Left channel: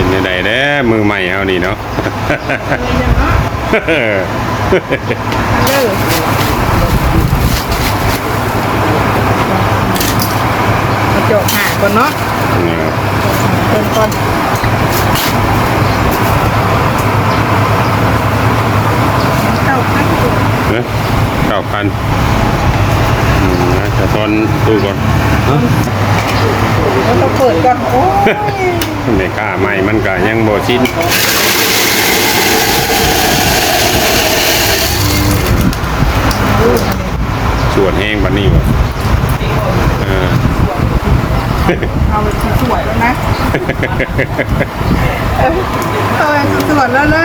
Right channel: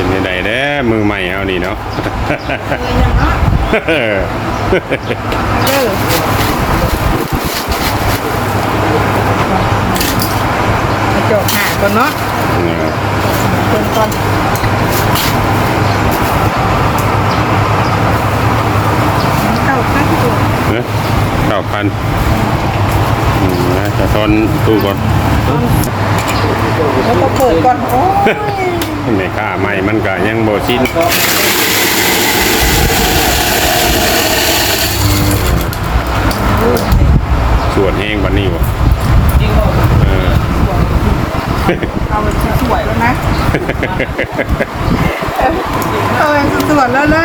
เป็นยังไงเด้อมือใหม่เอานี่เนาะเลยนะเนาะเอาเด้อกระจกหาก่อนเนาะเออเติมก่อนเข้าพักอยู่เอ๊ะเก้าพันอืมนะจะทอนตู้ก่อน แล้วก็เปิดก่อน โอ้ยไม่ค่าใหม่มันก็ยังโบชินสวดแห้งบันนี้บ่เออเอาไปสวยแล้วนะเออสวยแล้วนะ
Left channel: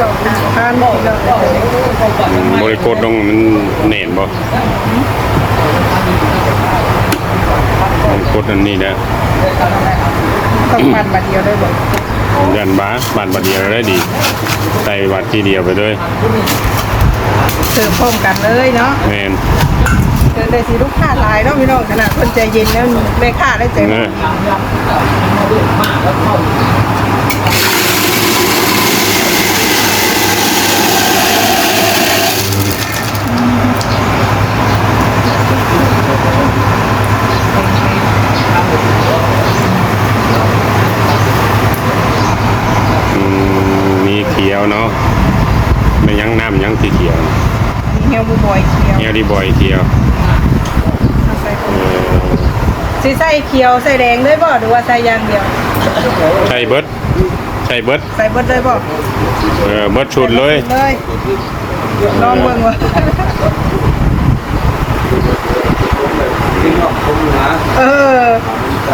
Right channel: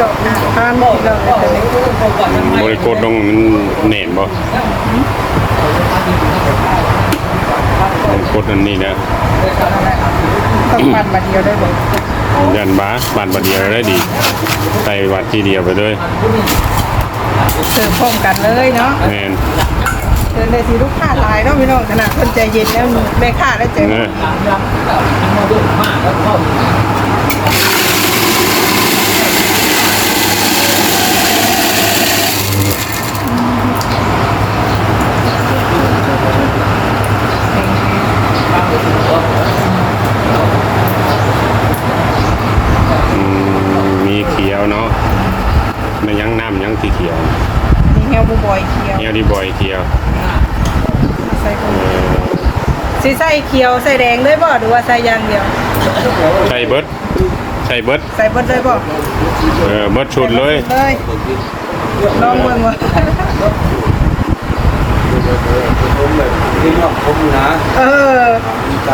จบห้าโมงเลยจะได้อืมบริโภคลงมันเน่นบ่ บริโภคอันนี้นะต้องปันมาเดียวได้บอกยันบ้าบานบัดเดียวได้ดีใส่วัดทีเดียวไปด้วยเสิร์ฟพร้อมกันเลยเนาะแมนเดินเลยสิลูกค้าหลายเนาะพี่น้องขนาดคนใจเย็นแล้วแม่ค้าได้ใจเอดี อ อืมมีเขียวเนาะไม่ยัง น้ำยังสีเขียวอันนี้เฮลบูบอยเคียวเนียวดีบอยเขียวเอาใส่ก่อนเออสีใส่เขียวใส่แดงเลยบ่หรือว่าใส่อย่างเดียว ใส่เบิร์ดใส่เบิร์ดใส่เบิดเลยบ่เออเบิร์ดชุดเลยเลยลองเบิ่งว่าเออ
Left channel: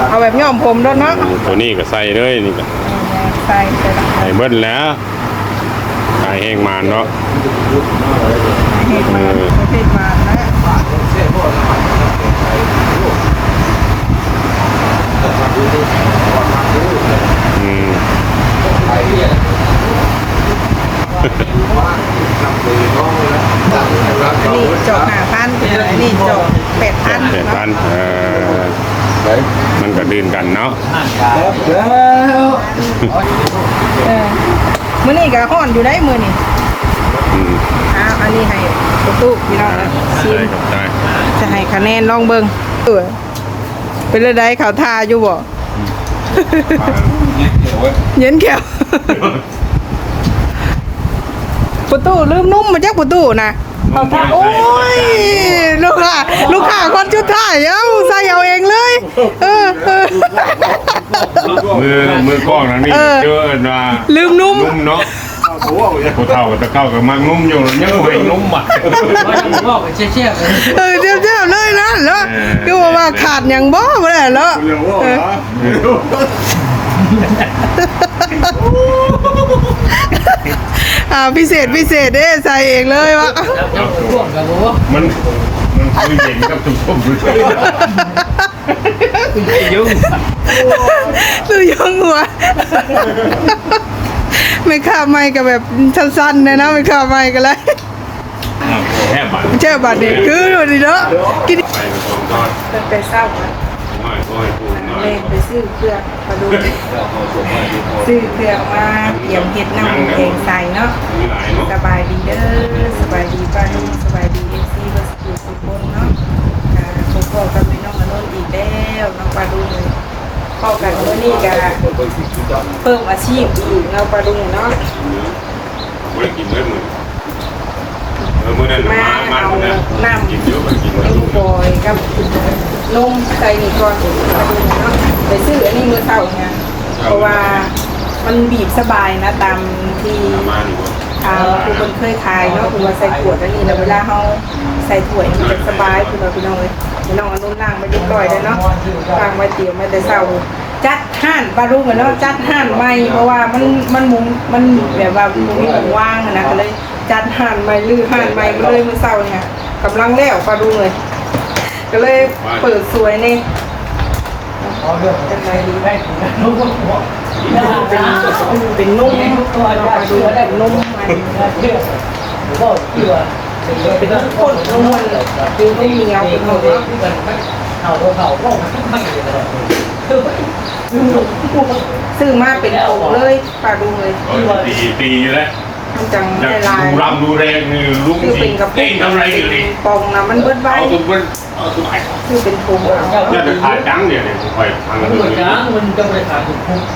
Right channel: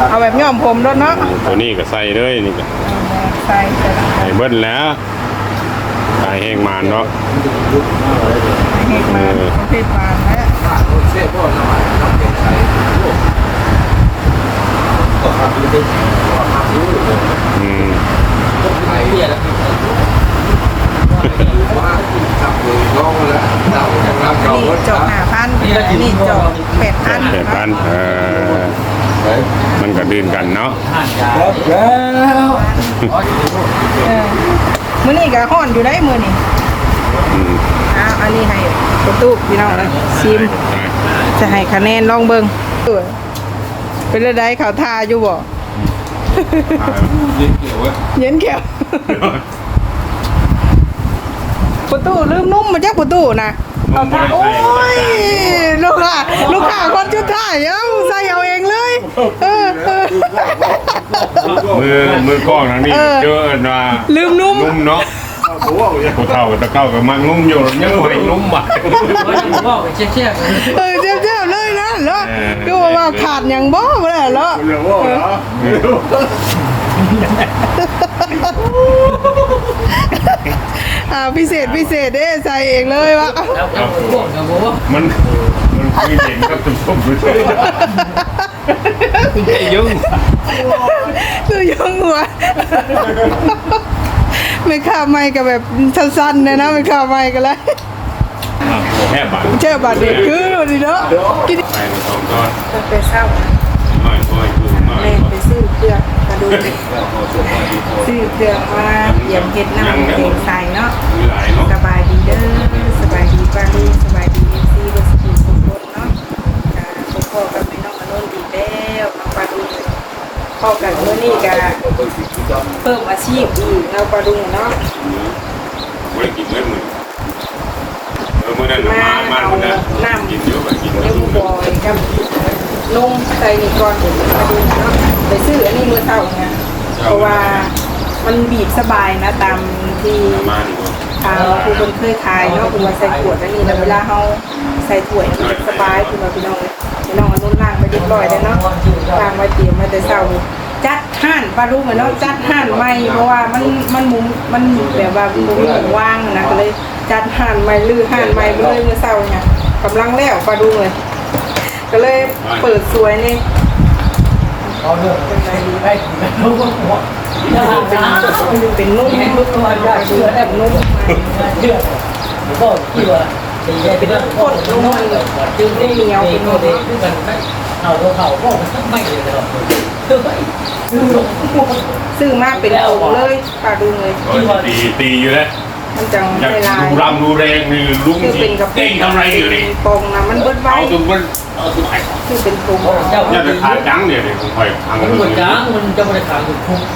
เอาแบบย่อมผมด้วยเนาะตัวนี้ก็ใส่เลยนี่ก็เอาแม่ใส่ใส่ละ ใส่เบิร์ดแล้วตายแห้งมานเนาะเห็ดมาประเภทมาแล้วอืมอันนี้จอกห้าพันนี่จอกแปดพันแปดพันเออมันก็ดื่นกันเนาะเออ มื้อนี้ก็ฮ้อนอยู่ได้มื้อนี้อืมอ้าวอันนี้ให้ประตูพี่น้องชิมจะให้คะแนนลองเบิ่งเออเป็นระไดเขาทาอยู่บ่เย็นแก้วประตูลืมนุ่มมาจากประตูนะ เอาทาโอ้ยลูกค้าลูกค้าคนชุดท้ายเอ้าใส่เอาเองเลยเออเออ มือมือกล้องทางนี้เออเจอนะลืมนุ่มนุ่มเนาะผู้เฒ่าตะเก้ากับมังนุ่มอยู่ยังไม่นุ่มอะก็ไปเชี่ยวๆเลยเออเจ้าๆเลยนะแล้วดูว่าขาดอย่างบ่บ่ได้แล้ว เออ อ่าพิเศษพิเศษเด้ใส่เองเลยวะแล้วก็พวกกับโบมันมันคือเย็นกับชุ่มๆด้วยยุ่งดูยงหัว ไม่ข้าไม่ก็แบบสั้นๆนะนะไม่ข้าไม่ก็เลยแค่บาทเจ้าบาดเด็กคือวันนี้เนาะกินไปตรงตอนไปเศร้าน้อยน้อยกูน้อยเล่นไป ซื้อเครื่องมาดูซื้อเครื่องมาเปลี่ยนเฮ็ดน้ำเกงใส่เนาะสบายดีเด้อสบายดีป้าลุงสบายดีเอซีบัสกุสุคนเนาะอ่พบพ่อกับน้องอนุนอีกแล้วน้องปลาดุงพ่อกันเมื่อนี้ก็เพิ่มอาชีพอีกน้องปลาดุงเนาะมาเอาน้ำเอ็มบอยกับนมใส่นี่ก่อนปลาดุงเนาะ ไปซื้ออันนี้มือเท่าไงเพราะว่ามันบีบสบายนะตามที่มาดีกว่าทางครูคนเคยขายเนาะคุณว่าใส่ขวดแล้วนี่แล้วเวลาเขาใส่ถ้วยมันจะสบายคุณว่าพี่น้องเลยพี่น้องเอานุ่นล่างไปเรียบร้อยแล้วเนาะล่างไว้เตรียมไว้แต่เช้าจัดห้านปลาลูกเนาะจัดห้านใหม่เพราะว่ามันมันมุมมันแบบว่ามุมมีหม้องว่างอะนะก็เลยจัดห้านใหม่ลื้อห้านใหม่มาเลยเมื่อเช้าเนี่ยกำลังแล้วปลาลูกเลย ก็เลยเปิดสวยนี่ เป็นไรดีไหมเป็นเป็นนุ่มปลาดูเป็นนุ่มมันก็เชื่อเป็นน้ำข้นนุ่มมันเป็นนุ่มเหนียวเป็นนุ่มเนเอาเราเขาก็ไม่เลยซื้อมาเป็นผงเลยปลาดุงเลยตีตีอยู่แล้ว มันจังอยากได้ลายดูรำดูแรงนี่ลุงคือเป็นกระปุเต้กงทำไรอยู่เป็นี่นปองนะมันเบิดไว้เอาตุ้มมันเอาตุ้มไอ้คือเป็นผงเอา เนี่ยเป็นขาจังเนี่ยเดี๋ยวผมไปทางมันนู้เหมือนนจ้างมันจะไปทางดู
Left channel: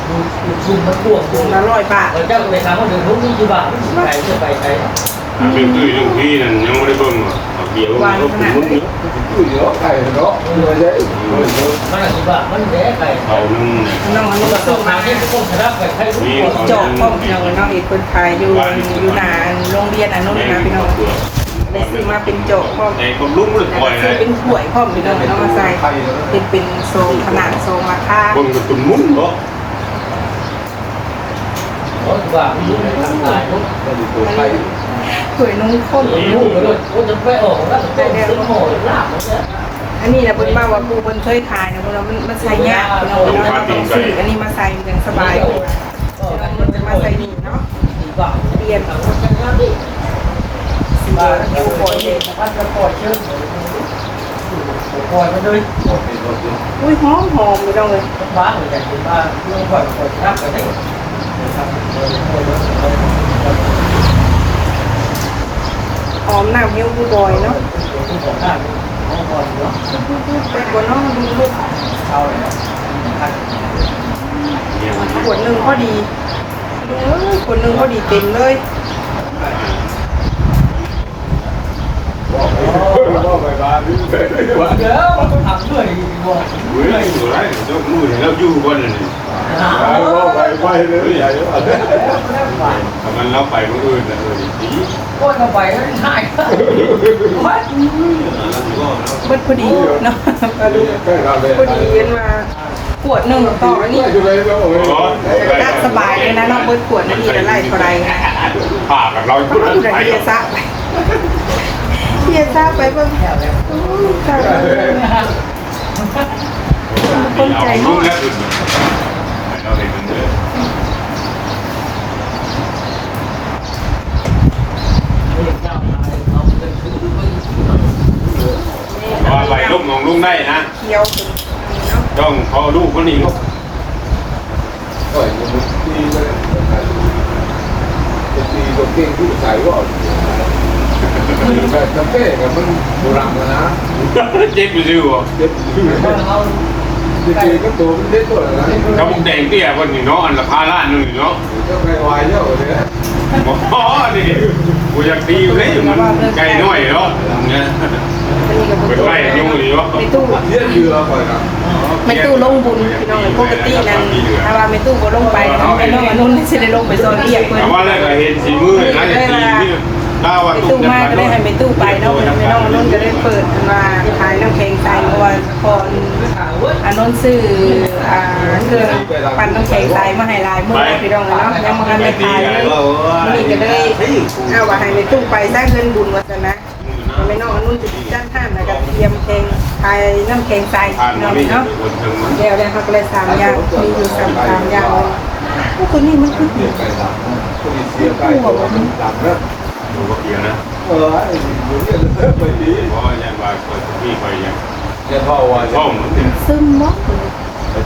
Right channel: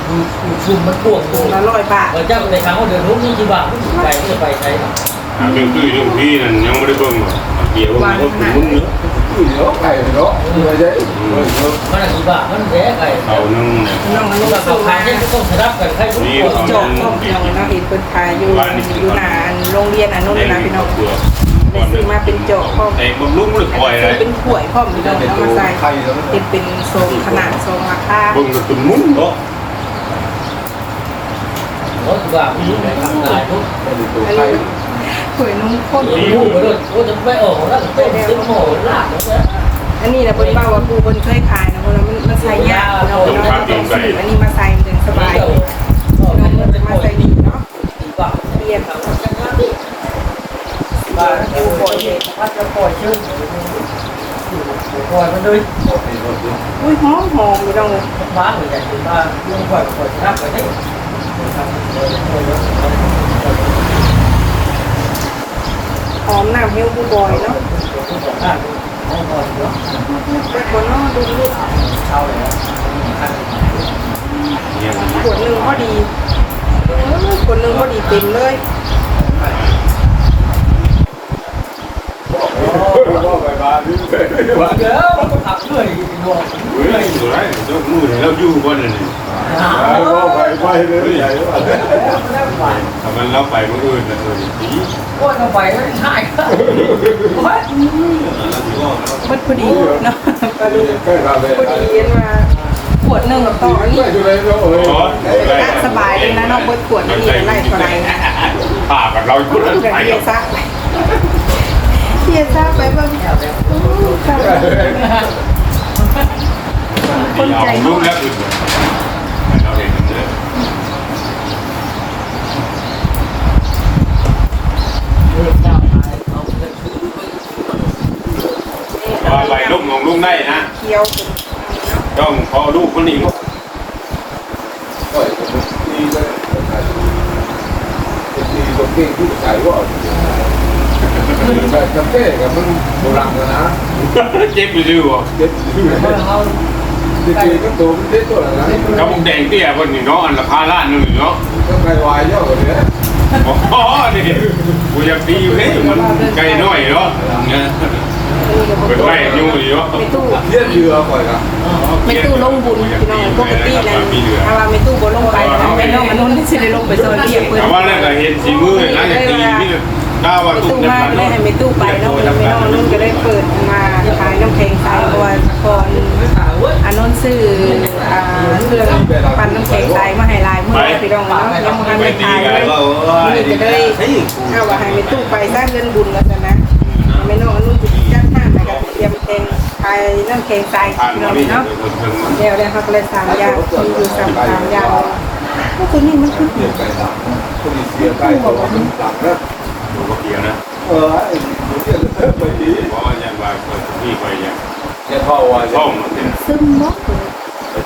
ดูดูชุมมันพวกผพวงกละร้อยบาทเออเจ้าไปทางเขาเดินลุกนี่จีบะไปก็ไปใช้เรื่องคือเรื่องพี่นั่นยังไม่ได้เบิ่งเอาเกี่ยววางขนาดไหน Ui, nó cày nó đưa giấy rồi nó มันจีบะมันแย่ไปเขานึ่งน้องอนุเราซื้อทำมาที่ต้องชนะไปใครรู้จอกพ่อพี่น้องเนาะเห็นคนขายอยู่อยู่หน้าโรงเรียนอนุนะพี่น้องไปซื้อมาเป็นจอกพ่อไอ้คนลุงเลยแล้วปล่อยก็เลซื้อยเป็นถ้วยพ่อพี่น้องเนาะมาใส่เป็นเป็นทรงขนาดทรงราคาเบิ่งกระตุ้นมุ้งเนาะรถจีบะมีอยู่ในทางสายทุก đi อันนี้ cày นี้ เลยกูจะไปออกแล้วก็จะโม่ลาบแล้วเนี่ยอันนี้นะเพิ่นว่าว่าปูเพิ่นเคยขายนะเพิ่นว่ามันมันใส่ยากเราเราต้องซื้ออันนี้มาใส่มันสบายเลยเราเพิ่นจะมาใส่นี่เนาะเปลี่ยนจังหวะนี้ดูบ่อยเลยมันจะปล่อยชื่อปล่อยมันด้วยอุ้ยหอมหอมพี่น้องเลยว้าเหมือนกันคือว่าเรื่องปล่อยปล่อยนักไปได้ หอมน้ำเฮลบูบอยเนาะไปกวนเนาะดูดูเนี่ยมันขวดหนึ่งพอดีดูเอ้ยขวดหนึ่งพอดีเต็มเลย nó phải bà đứng kệ đấy mà เดี๋ยวทำด้วยบอกเฮ้ยสวยเจ้ามู้เนี่ยเราอยู่คนนึง nó phải quay đến vậy đó ทำไมเราไปเมื่อคืนแต่เออผีก็ทำไปไม่ใช่เบิดพอดีเนาะก็ดู cái là về พอดีเว้นมาขวดหนึ่งต่อนนี้ cái đấy nó ก็สบายเลยนะนาะเบิดขวดนี่จะไล่เท่าไรนะผ่ากับเราก็คนจะเฮียซะไปเฮียซะไปเบิ่งอู้ตายแล้วคนใจลูเนาะ กแล้วคุณเราเห็นมันเยอะว่าไปลูกน้องลูกได้นะ เคี้ ยวคุณต้องพอลูกมันนี่ใช่กาแฟกับมันโบราณนะเจ็บอยู่ดีวะเจ็บอยู่ดีก็ตัวเล็กตัวนะกับผมแดงเตี้ยคนหนึ่งเนาะอันละพาล้านหนึ่งเนาะก็ไกลวายเยอะเลยนะอ๋อนี่กูอยากตีเลยไกลน้อยเนาะเนี่ย เป็นไรอยู่ดีเนาะในตู้ giết dừa phải không ไม่ตู้ลงบุญพี่น้องปกตินั้นถ้าว่าไม่ตู้บ่ลงไปนะไม่น้องอนนท์สิได้ลงไปซอยเรียกเพิ่นว่าแล้วก็เห็นสีมือนะอย่างตีนี่ไม่ตู้มากก็ได้ให้ไม่ตู้ไปเนาะเพิ่นน้องอนนท์ก็ได้เปิดมาขายน้ำแข็งใสเพราะว่าพออนนท์ซื้ออ่าเครื่องปั่นน้ำแข็งใสมาให้ลายมื้อพี่น้องเนาะยังบ่ทันได้ขายเลยนี้ก็ได้เอาว่าให้ไม่ตู้ไปสร้างเงินบุญว่าซั่นนะ ไม่น้องอนนท์จะจัดห้านแล้วก็เตรียมแข็งขายน้ำแข็งใสพี่น้องเนาะเดี๋ยวเลยค่ะก็เลยสามอย่างมีอยู่สามสามอย่างเลยพวกตัวนี้มันคือผี cái nào cái gì xưa cái đồ làm đó เดี๋ยวนะ ờ ai muốn cái đó cái gì เพราะว่าอย่างว่าพี่คอยอย่าง cái thao hoài ช่องซึมมากเลย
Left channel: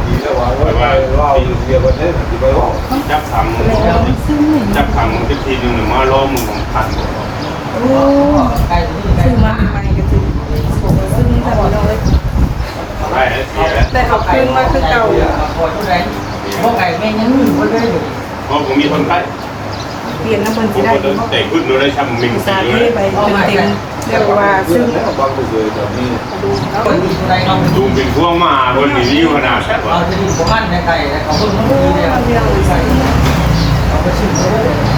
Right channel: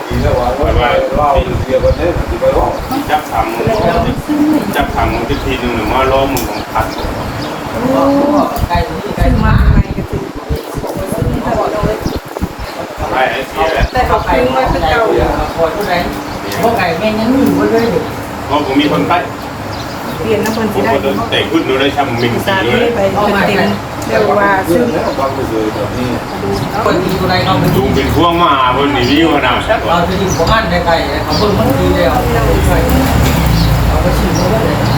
thì nó bảo ว่าเราเดียวกันเนี่ยที่ไปร้องจับทำแล้วมันซึมเลยจับทำที่ทีนึงมาล้อมของขันโอ้ ซึมมาใหม่ก็คือซึมค่ะพี่น้องเลยไรเสียแต่เขาคืนมาคือเก่าพวกไก่แม่ยังอยู่ไม่ได้อยู่พราะผมมีคนไปเปลี่ยนน้ำบนสิได้แต่ขึ้นโดยได้ทำมิงสาที่ไปเต็มเต็มเรียกว่าซึมต้องไปเลยตอนนี้กระดูเนาะเปิดดีตัวใดนอนดูเป็นพวงมาบนวิวขนาดเราจะอยู่ของอันในไก่นะครับ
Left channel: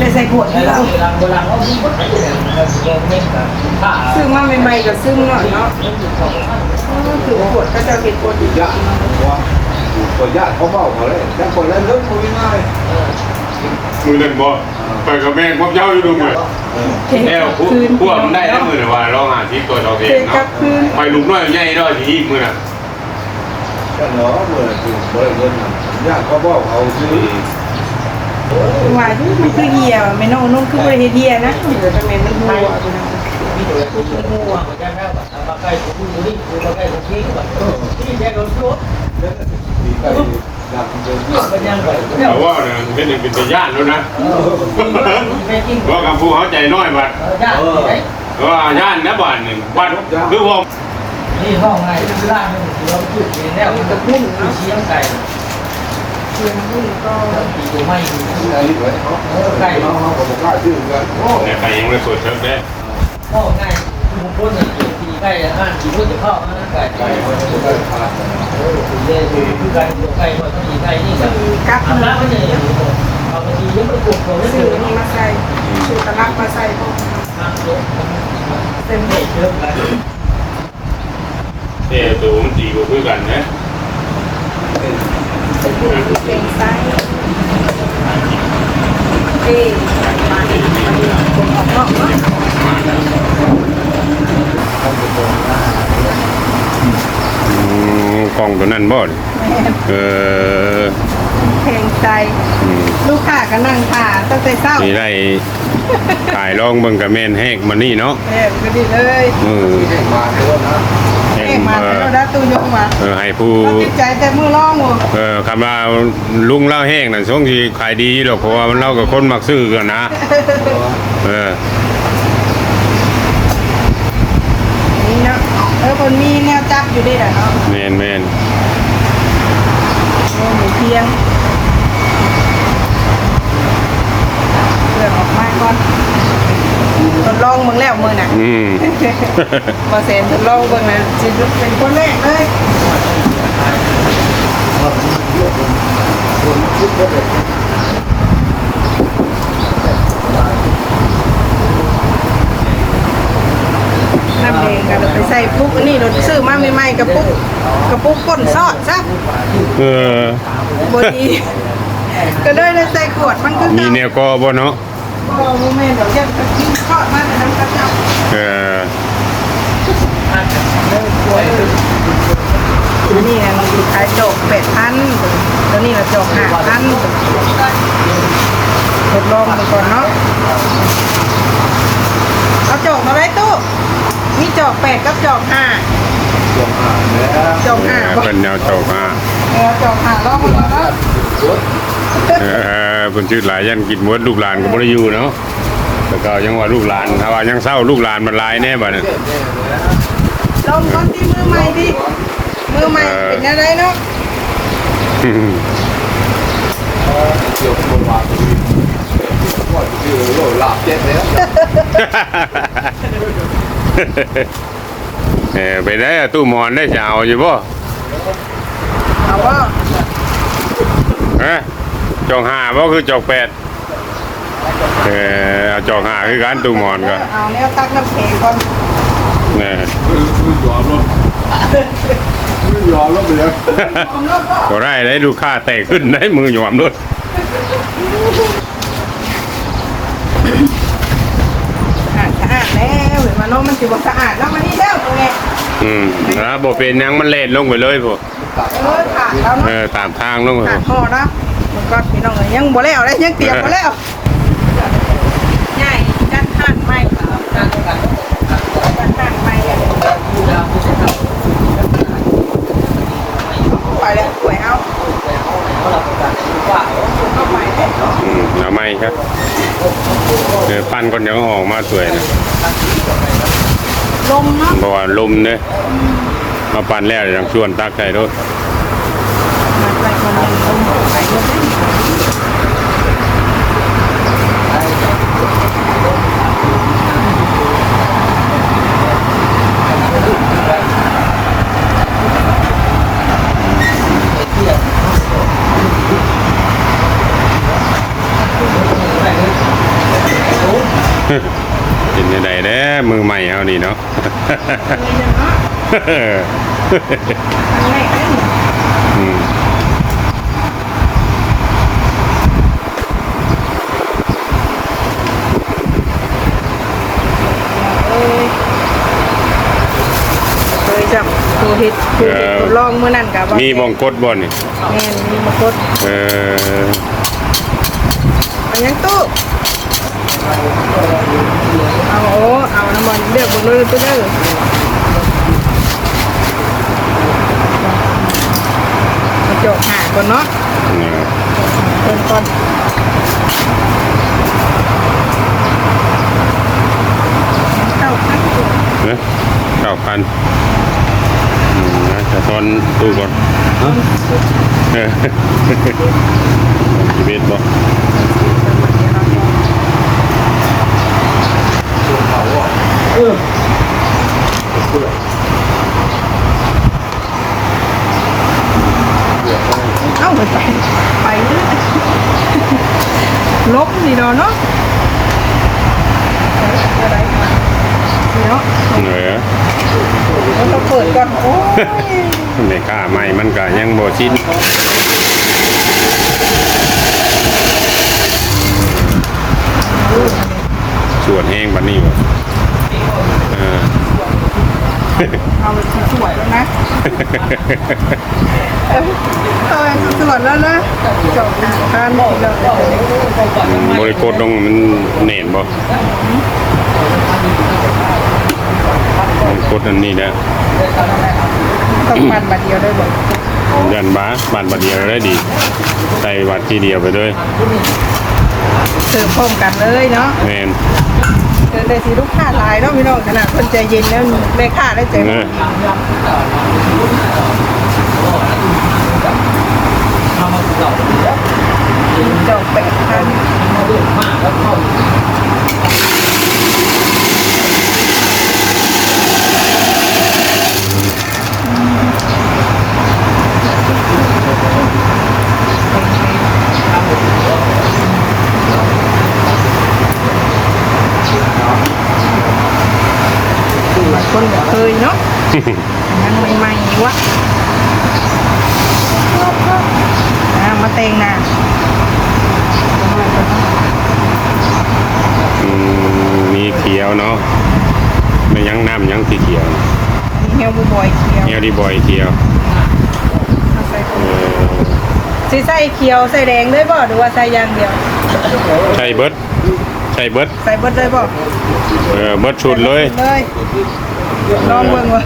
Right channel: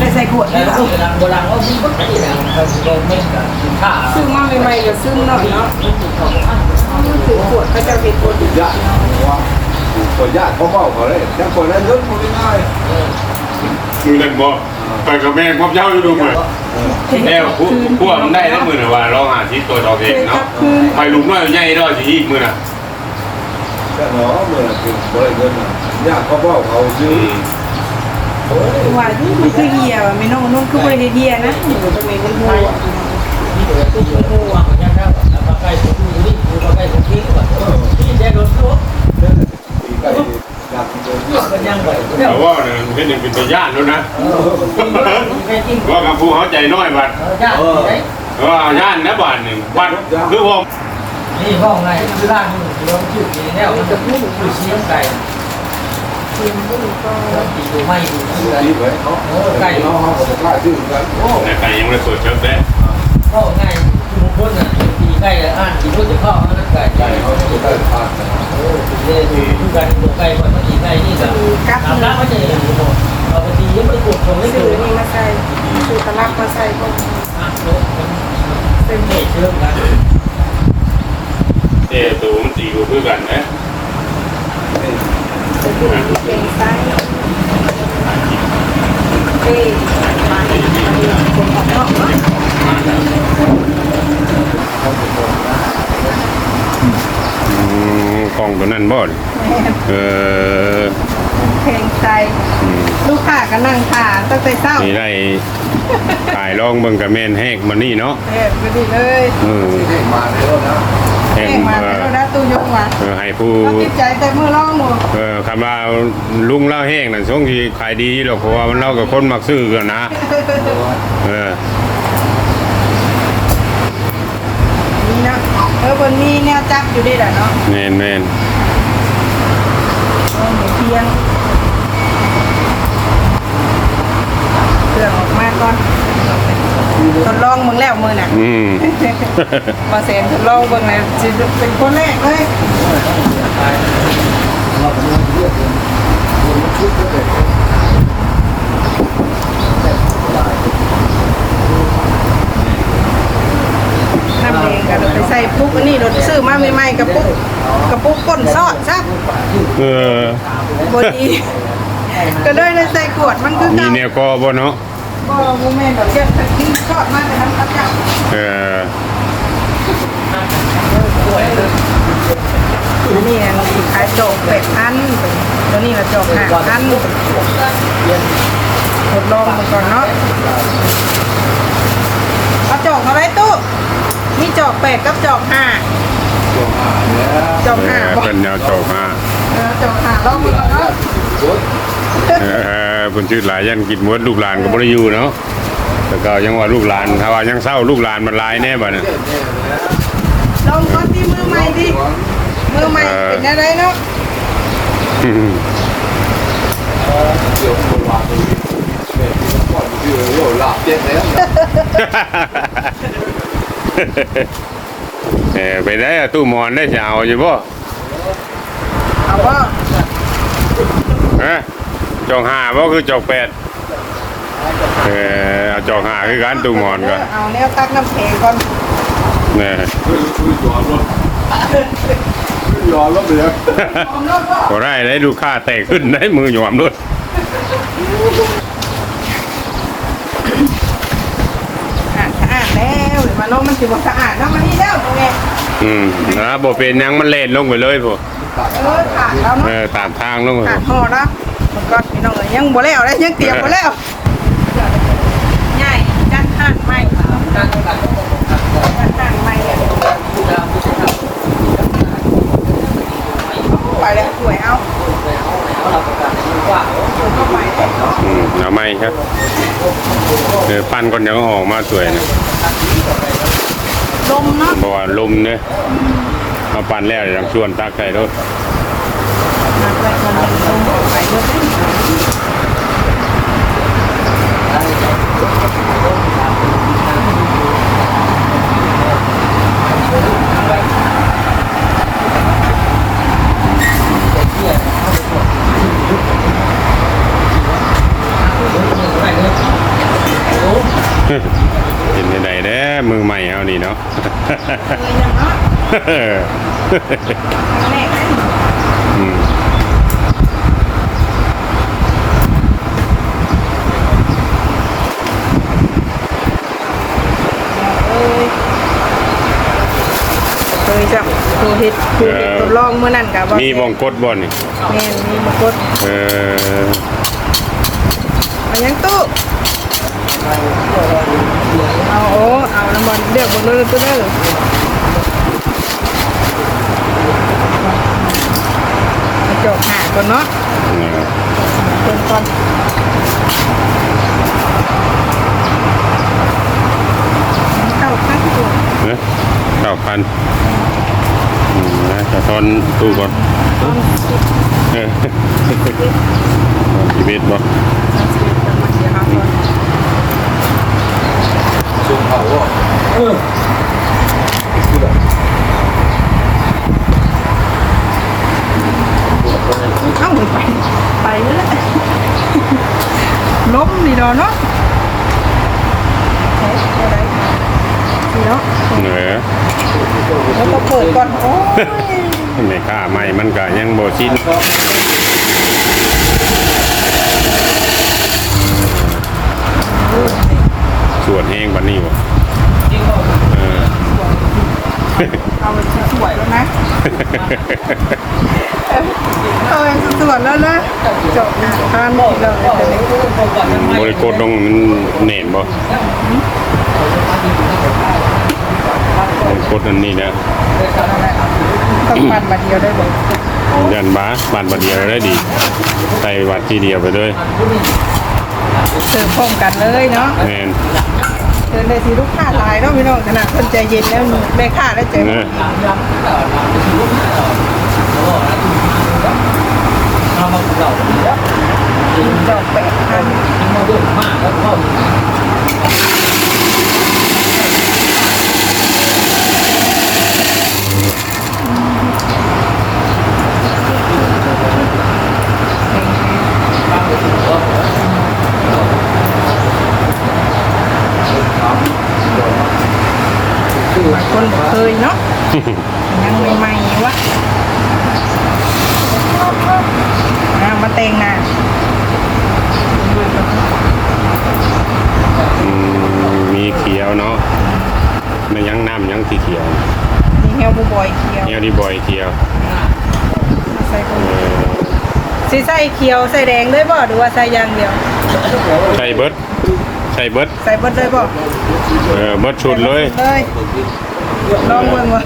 ไปชิมเลยได้ใส่ขวดแต่นี่เราเราโบราณเขาดีก็ได้นะครับโดนเม็ดกับข้าซึมมาใหม่ๆก็ซึมเนาะเนาะถือขวดก็จะเป็นขวดดียากพี่น้องว่าคนยากเขาเบาเขาเลยถ้าคนนั้นเริ่มมือง่ายมือเล่นบอลไปกับแม่พบเจ้าดูเลยแล้วพวกมันได้ทั้งมือเลยว่าเราหาที่ตัวเราเองเนาะไปลุกน้อยใหญ่ด้วยที่มือน่ะแต่เนาะเมื่อถึงบริเวณยากเขาเบาเขาซื้อ ว่าที่มันคือเฮียไม่น้องน้องคือบ่ได้เฮียนะเออทำไมมันหัวพี่น้องที่เดือดทุกคนหัวนะครับเราใกล้ถึงอยู่นี่เราใกล้ถึงที่แบบที่แยกโดนทั่ว thì cái อยากเดินก็ยังไหวแต่ว่าเป็นหนึ่งเป็นตัวย่านแล้วนะว่ากับผู้เขาใจน้อยบัดเออว่าย่านนะบ้านนี่บ้านคือว่านี่ห้องไงร้านนึงเราจุดเองแล้วมีกระพุ่นคือเนาะเชียงไก่เทียมพุ่นก็ตีดูไม่ดูเชื่อที่เลยเนาะโอ้ไก่เนาะเขาบอกว่าชื่อกันโอ้แต่ใครยังไม่สวยเชิญได้โอ้ไก่ทุกคนอะตีไก่แล้วอ่านกินด้วยจะพ่อมันไก่ไก่เขาเขาจะจะได้ได้ผ่านโอ้ตีเลยดูกันตัวไก่มันตีไก่นี่กันมีกั๊บแล้วมันจะเอาไปตียังไม่ปวดหัวไม่ซื้ถึองนี่มาใส่ซื้อตลับมาใส่พวกเต็มไม่ที่เชื่อนะเออตัวมันตีกูคือกันนะ เป็นผู้หญิงเป็นไซส์เอ้มาอีกมาอีกคนออกนอกเนาะกล้องตัวนั้นบ่เออเพลงใจลูกค้าก็นั่งถ่าตั้งแต่เช้านี่ได้ขายลองเบิ่งกับแม่นแหกมันนี่เนาะเออก็ดีเลยเออเก่งมาแล้วนะแหเอ้กมาเออแล้ว ตู้ยงมาเออให้ผู้เราติดใจแต่มือร้องหมดเออคำว่าลุงเล่าแห้งนั่นช่วงที่ขายดีหรอกเพราะว่ามันเล่ากับคนมักซื้อกันนะเออนี่เนาะเออบนมีแนวจับอยู่ด้วยแหละเนาะแม่นแม่นเออหมูเพียงเสื่อมออกมากก่อน ทดลองมึงแล้วมือน่ะอืมมาเซนทดลองเบิ่งเลยสิเป็นคนแรกเลยน้ำเองกันไปใส่ปุ๊กอันนี้รถซื้อมาใหม่ๆกับปุ๊กกับปุ๊กก้นซอดซับเออบดี ก็ได้เลยใส่ขวดมันคือมีแนวก็บ่เนาะ บ่โมเมนต์เดี๋ยวจะทิ้งซอดมาเป็นน้ำกระจับเอออันนี้อันสิขายจกเป็ดพันแล้วนี่เราจกห้าพันทดลองมาก่อนเนาะเอาจกมาไว้ตู้มีจอกเป็ดกับจอกห้าจอกห้าบ่เป็นแนวโจกฮะเออจอกห้าลองมาก่อนเนาะ เออเพิ่นชื่อหลายยันกินหมดลูกหลานก็บ่ได้อยู่เนาะแต่ก็ยังว่าลูกหลานถ้าว่ายังเศร้าลูกหลานมันหลายแน่บัดนี้ลองก่อนที่มือใหม่ดิมือใหม่เป็นอะไรเนาะอืมเดี๋ยวผมว่าตัวนี้ก่อนที่เราเล่าหลับเจ็บเลยเออไปได้อะตู้หมอนได้จะเอาอยู่บ่เอาบ่ฮะ จอกห้าบ่คือจอกแปดเออเอาจอกห้าคือกันตู้หมอนก็เอาเนี่ยตักน้ำแข็งก่อนนะยอมแล้วเหลือก็ได้ได้ลูกค้าแตกขึ้นได้มือหยวมด้วยสะอาดสะอาดแล้วเห็นมาน้องมันสิบ่สะอาดเนาะมันนี่แล้วตรงนี้อืมนะบ่เป็นหยังมันเล่นลงไปเลยพวกเออขาดแล้วเอเนาะอตามทางลงไปขาดพอเนาะ มันก็พี่น้องเอ้ยยังบ่แล้วเลยยังเตรียมบ่แล้วง่ายด้านข้างไม่ด้านข้างไม่อะไปแล้วสวยเอาเข้าไปเลยอืมเอาไม่ครับเออปั้นก่อนเดี๋ยวเอาออกมาสวยนะลมเนาะเพราะว่าลมเนี่ยมาปั้นแล้วเดี๋ยวต้องชวนตักใส่รถมันไปมันลมออกไปเยอะ เป็นยังไงเด้อมือใหม่เอานี่เนาะเลยจังเนาะครั้งแรกนั่น อืม เอ้ย เคยจับตัวเห็ดตัวเห็ดตัวลองเมื่อนั้นกับว่ามีบองกดบ่นี่แม่นมีมากดเออเอายังตู้เอาโอ้เอาน้ำมันเลือกบนรถตู้เด้อมาจกหาก่อนเนาะเออเพิ่นก่อนเต้าข้าวเดือดเนอะเก้าพัน อืมนะจะทอนตู้ก่อนตอนสุดเออตอนชีวิตบ่ตอนสุดเป็นมันเดียวครับก่อนส่งเขาอะเออเอ้าไปไปไปเลยล้มนี่ดอกเนาะไปอะไรมา เนาะเออแล้วต้องเปิดก่อนโอ้ยไม่กล้าใหม่มันก็ยังบ่ชินสวดแห้งบัดนี้บ่เออเอาไปสวยแล้วนะเออสวยแล้วนะจบการได้เราเลยจะได้อืมบริกรลงมันเน่นบ่บริ กรอันนี้นะต้องปันมาเดียวได้บอกยันบ้าบานบัดเดียวได้ดีใส่วัดทีเดียวไปด้วยเสิร์ฟพร้อมกันเลยเนาะแมนเดินเลยสิลูกค้าหลายเนาะพี่น้องขนาดคนใจเย็นแล้วแม่ค้าได้ใจเอดีอทำมาเก่าดอกแปดพัน มาด้วยมากแล้วก็ บางคนบอก เคยเนาะยังใหม่ๆวะอ่ามาเตงนะน้อยก็เนาะอืมมีเขียวเนาะไม่ยังน้ำยังสีเขียวอันนี้เฮลบูบอยเขียวเนียวดีบอยเขียวเอาใส่ก่อนเออสีใส่เขียวใส่แดงเลยบ่หรือว่าใส่อย่างเดียวใส่เบิดใส่เบิดใส่เบิดเลยบ่เออเบิดชุดเลยเลย ลองเบิ่งว่า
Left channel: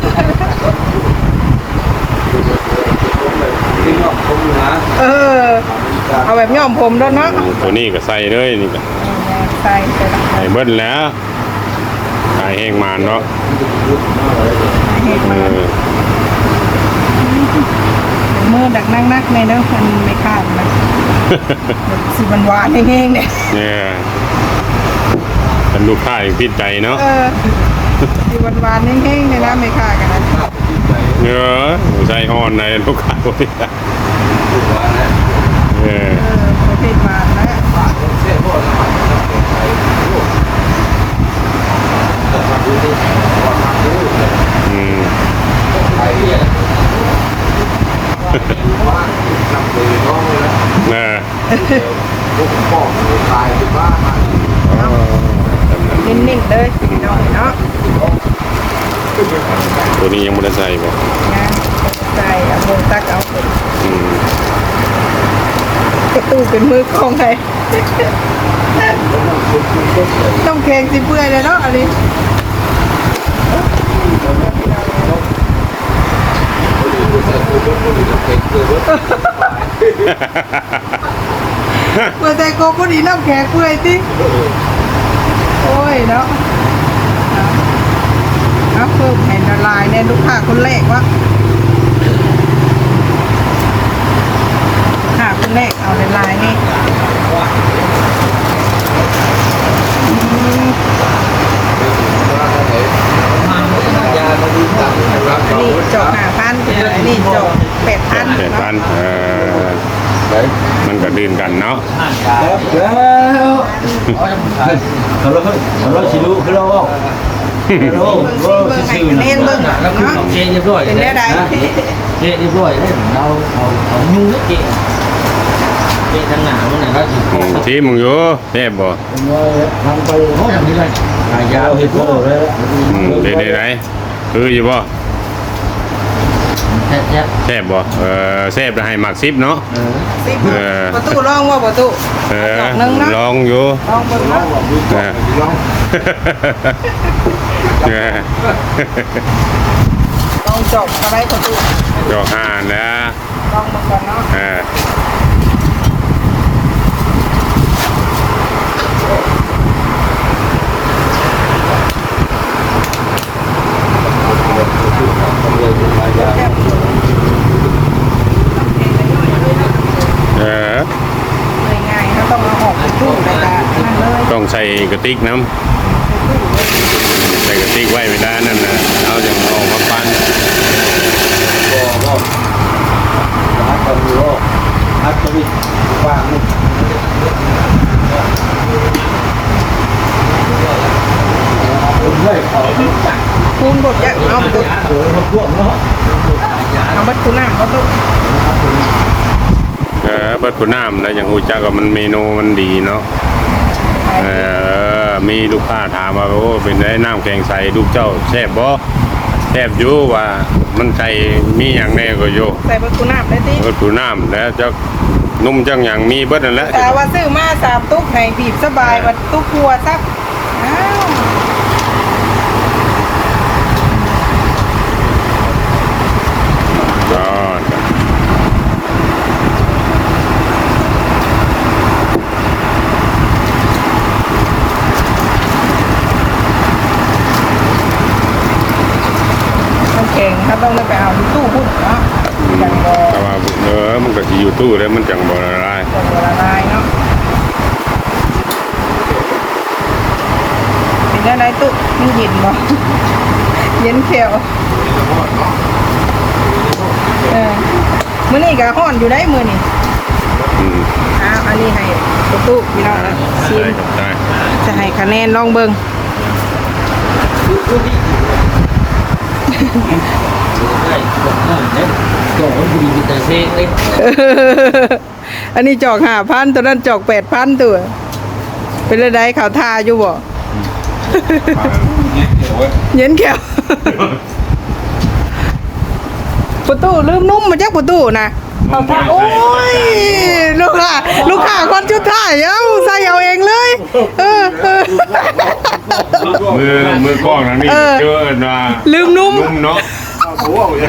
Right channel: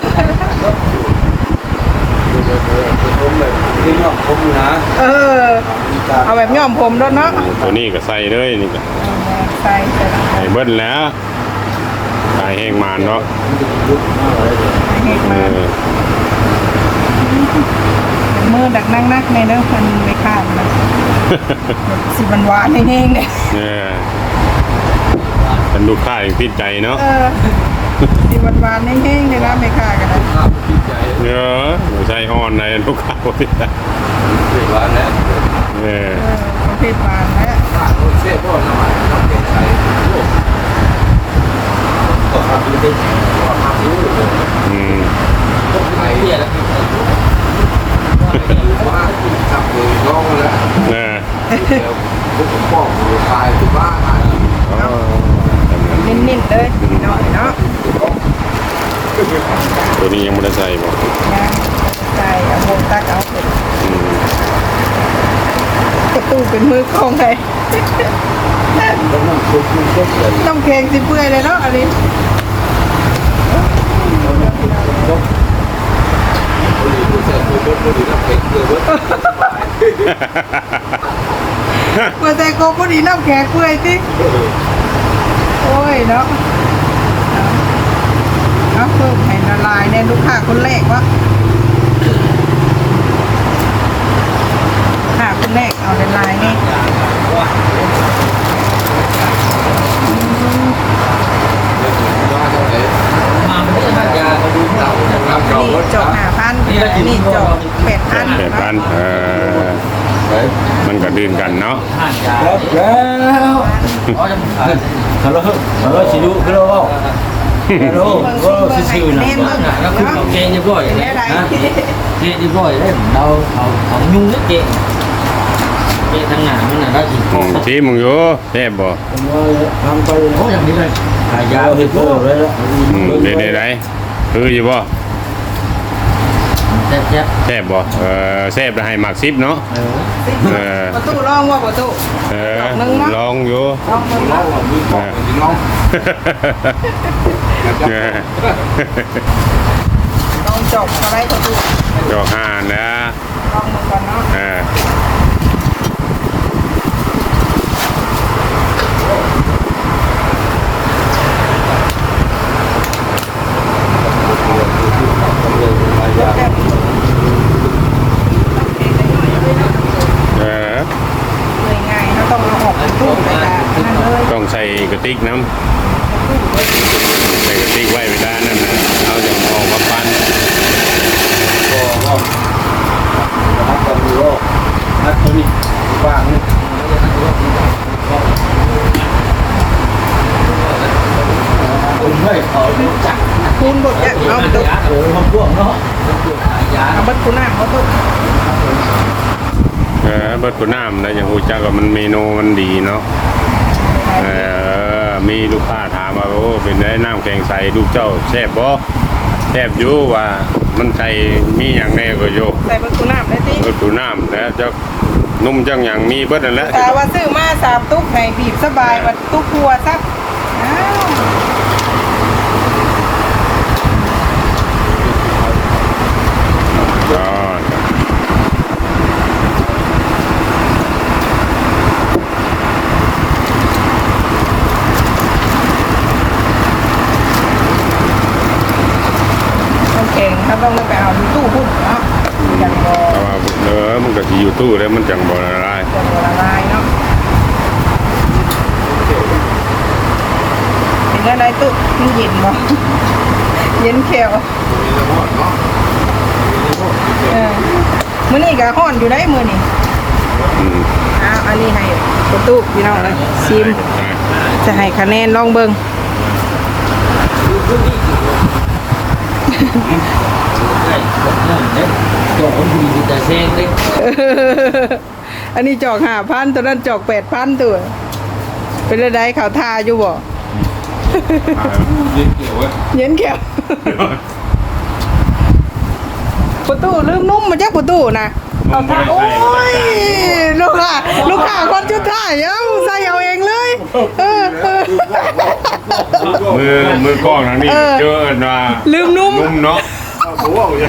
ที่น้องผมนะเออ เอาแบบย้อมผมด้วยเนาะตัวนี้ก็ใส่เลยนี่ก็เอาแม่ใส่ใส่ลงไปใส่เบิดแล้วตายแห้งมานเนาะให้เอมาอมือดักนั่งนักในเด้อมันไม่ขาดนะแบบสิหวานหวานๆแห้งๆเนี่ยเนี่ยเป็นลูกค้าอย่างพิดใจเนาะ เออสิหวานหวานๆแห้งๆเลยนะไม่ขาดกันนะเนอะไม่ใช่อ่อนในลูกค้าพิดใจเออเออประเภทหวานแล้วเสียพ่อสมัยมาแก่ไทยต้องทำดูดิว่าทำดูเลยอืมไทยเพี้ยแล้วว่าจับเลยน้องแล้วเออพวกพ่อคนตายที่บ้านอ๋อจำนั้นนิ่มๆเลยพี่น้องเนาะ ตัวนี้ยังไม่ได้ใส่บ่งานใส่เอาโมตักเอาเป็นอืมประตูเป็นมือกล้องไงแล้วนั่งคุยคุยกันเลยต้องแข็งสิเปื่อยเลยเนาะอันนี้เมื่อแต่โกพอดีน้ำแข็งเปื่อยสิโอ้ยเนาะเอา เอาเพิ่มให้ละลายเนี่ยลูกค้าคนแรกวะลูกค้าคนแรกเอาละลายนี่อืมยาดูจับนะครับอันนี้จอกห้าพันอันนี้จอกแปดพันแปดพันเออมันก็ดื่นกันเนาะห่านยาแล้วอ๋อฮัลโหลฮัลโหลชิลูฮัล โหลฮัลโหลเบิ่งสิเบิ่งให้คะแนนเบิ่งแล้วคือเนาะเกเรียบร้อยเป็นแล้ได้วไดนะเกเรียบร้อยแล้วเราเอาเอายุ่งเกเกทั้งหนามันน่ะเราสิอืมที่มึงอยู่แซ่บบ่ทำไปโอ้ยังไม่ได้หายยาเอาเห็เห็ดดโตโตแล้วอืมได้ได้ได้คืออยู่บ่แซ่บแซ่บแซ่บบ่เออแซ่บแล้วให้หมักซิบเนาะเออสิเออประตูลองว่าประตูเออหนึ่งนะลองอยู่ลองเบิ่งเนาะเออลอง ต้องจบสไลด์ประตูจอกห่านนะต้องมันก่อนเนาะเออต้ออ้แล้ต้องใส่กระติกน้ำ จักคูณบดยักเอาตุ๊โอ้เขาพวกเนาะเอาบัดคูน้ำเขาตุ๊เออเบิดผู้น้ำแล้วอย่างหูจักว่ามันเมนูมันดีเนาะเออมีลูกค้าถามว่าโอ้เป็นได้น้ำแกงใส่ลูกเจ้าแซ่บบ่แซ่บอยู่ว่ามันใส่มีอย่างแน่ก็อยู่ใส่บัดคูน้ำได้ติเบิดผู้น้ำแล้วจะนุ่มจังอย่างมีเบิดนั่นแหละแต่ว่าซื้อมาสามตุ๊กในบีบสบายว่าตุ๊กครัวซับอ้าว อ๋อจ้ะโอเคครับต้องไปเอาที่ตู้พุ่นเนาะยังบ่แต่ว่าเออมันก็สิอยู่ตู้แล้วมันจังบ่ละลายยังบ่ละลายเนาะเป็นยังไงตู้มันเย็นบ่เย็นเขียว เออมื้อนี้ก็ฮ้อนอยู่ได้มื้อนี้อืมอ้าวอันนี้ให้ประตูพี่น้องนะชิมจะให้คะแนนลองเบิ่งใช่พวกน้องเล็บก็มันดีแต่เซ็งเล็กอันนี้จอกห้าพันตัวนั้นจอกแปดพันตัว เป็นอะไรเขาทาอยู่บ่เย็นเขียว ประตูลืมนุ่มมาจากประตูนะเอาทาโอ้ยลูกค้าลูกค้าคนชุดท้ายเอ้าใส่เอาเองเลยเออเออ มือมือกล้องทางนี้เออ เจอนะลืมนุ่มนุ่มเนาะ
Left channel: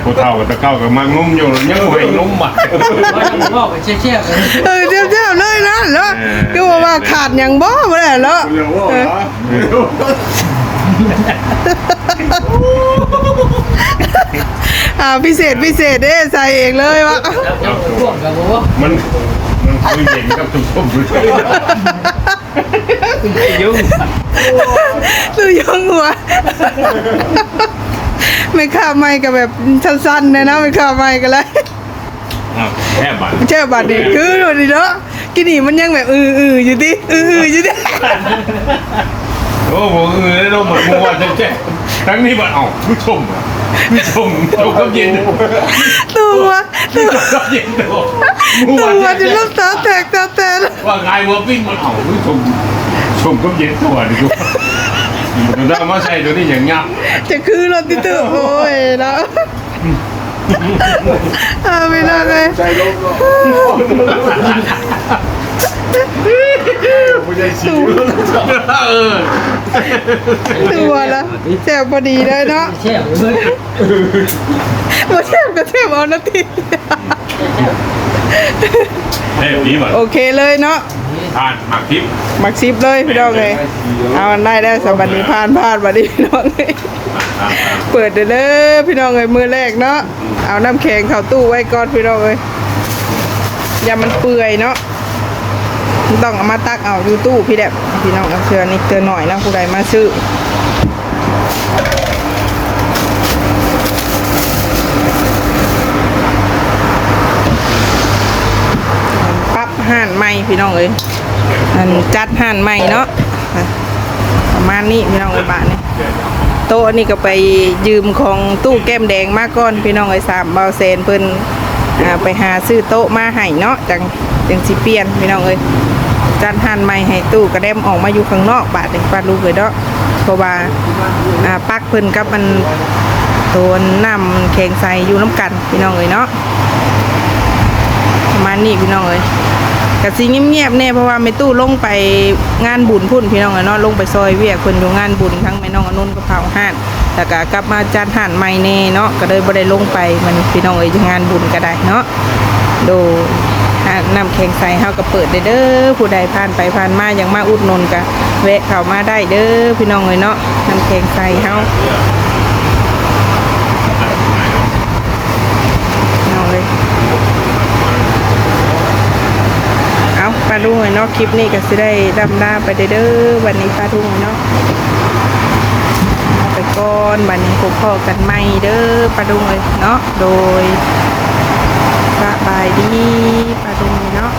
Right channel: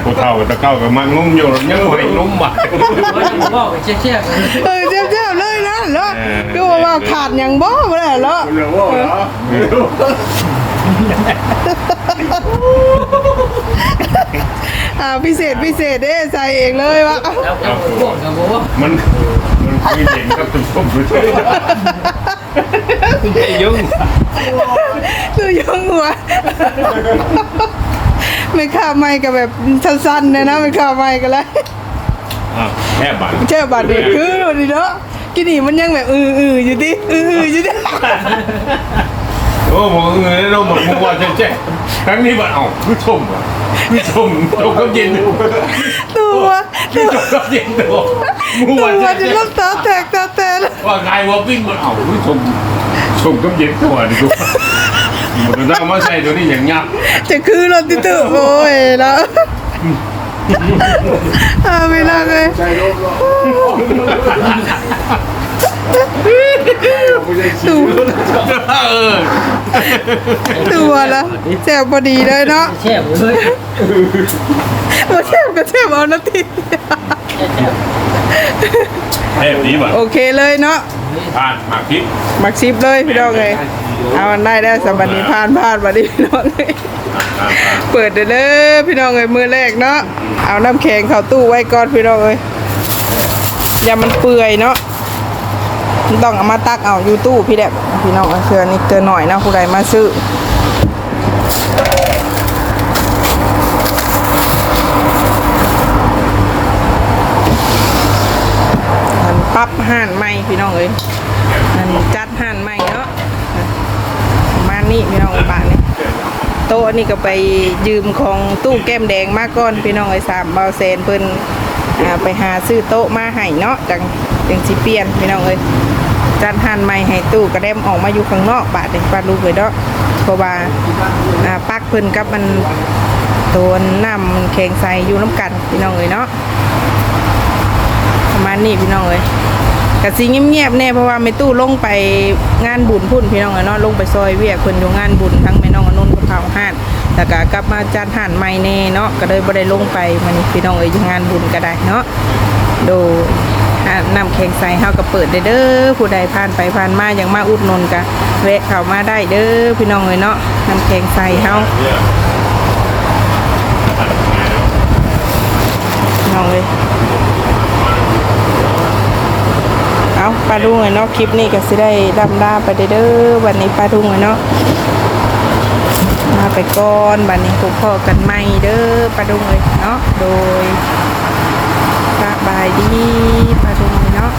ผู้เฒ่ากับตะเก้ากับมังนุ่มอยู่ยังไม่นุ่มอะ พ่อไปเชี่ยๆกันเออเจ้าๆเลยนะแล้วเออดูว่าขาดอย่างบ่บ่ได้แล้วเออ อ่าพิเศษพิเศษเด้ใส่เองเลยวะครับพวกกับว่ามันมันคุยเด็กกับจุ่มๆหรือยุ่งดูยงหัวไม่ข้าไม่กับแบบสั้นๆนะนะไม่ข้าไม่กันเลยแค่บัตรไม่ใช่บัตรเด็กคือวันนี้เนาะกินนี่มันยังแบบอืออืออยู่ดิอืออืออยู่ดิ โอ้โหเออได้ร่มหมดมุกวันแจ๊ครั้งนี้บัตรเอ้าผู้ชมอะผู้ชมชมก็เย็นตัวตัวก็เย็นตัวมุกตัวันวจะลูกตาแตกตาแตกว่าไงว่าวิ่งมันเอ้าผู้ชมชมก็เย็นตัวดิดูมันได้มาใส่ตัวนี้อย่างงับจะคือรถติดตัวโอ้ยแล้วอาไม่ได้เลยใจลมเนาะไม่ได้ชิว เออตัวละแซ่บพอดีเลยเนาะแช่เลยมาแซ่บก็แซ่บเอานาทีแค่นี้บัตรโอเคเลยเนาะทานหมักพริกมักชิปเลยพี่น้องเลยเอามันได้ได้วสบันนี้ผ่านผ่านบันนี้พี่น้องเลยทานทานเปิดเด้อเด้อพี่น้องเลยมือแรกเนาะเอาน้ำแข็งเข้าตู้ไว้ก่อนพี่น้องเลยอย่ามันเปื่อยเนาะมัน ต้องเอามาตักเอายูตู้พี่แดบพี่น้องเชื่อนี่เกินหน่อยนะผู้ใดมาซื้อมันปั๊บห่านใหม่พี่น้องเอ้ยมันจัดห่านใหม่เนาะประมาณนี้พี่น้องเอ้ยบาทเนี่ยโต๊ะนี่ก็ไปยืมของตู้แก้มแดงมาก่อนพี่น้องเอ้ยสามเบาเซนเพิ่นไปหาซื้อโต๊ะมาให้เนาะจังจังสิเปลี่ยนพี่น้องเอ้ย จัดห่นใหม่ให้ตู้กระเด็มออกมาอยู่ข้างนอกบาทนี่ปาลูกเลยเนาะเพราะว่าปักเพิ่นกับมันตัวน้ำมันแข็งใสอยู่น้ำกันพี่น้องเอ้ยเนาะประมาณนี้พี่น้องเอ้ยกะสิเงียบๆแน่เพราะว่าแม่ตู้ลงไปงานบุญพุ่นพี่น้องเอ้ยเนาะลงไปซอยเวียกเพิ่นอยู่งานบุญทั้งแม่น้องอนุนกับเผาห้านแล้วก็กลับมาจัดห้านใหม่แน่เนาะก็เลยบ่ได้ลงไปมันพี่น้องเอ้ยอยู่งานบุญก็ได้เนาะโดย น้ำแข็งใส่เฮาก็เปิดได้เด้อผู้ใดผ่านไปผ่านมาอย่างมาอุดนนกะแวะเข้ามาได้เด้อพี่น้องเลยเนาะน้ำแข็งใส่เฮาน้องเลยเอาปลาดุงเลยเนาะคลิปนี้ก็สิได้ดำดาไปได้เด้อวันนี้ปลาดุงเลยเนาะไปก่อนบันนี้พบพอกันใหม่เด้อปลาดุงเลยเนาะโดย สบายดีปลาดุงเนาะ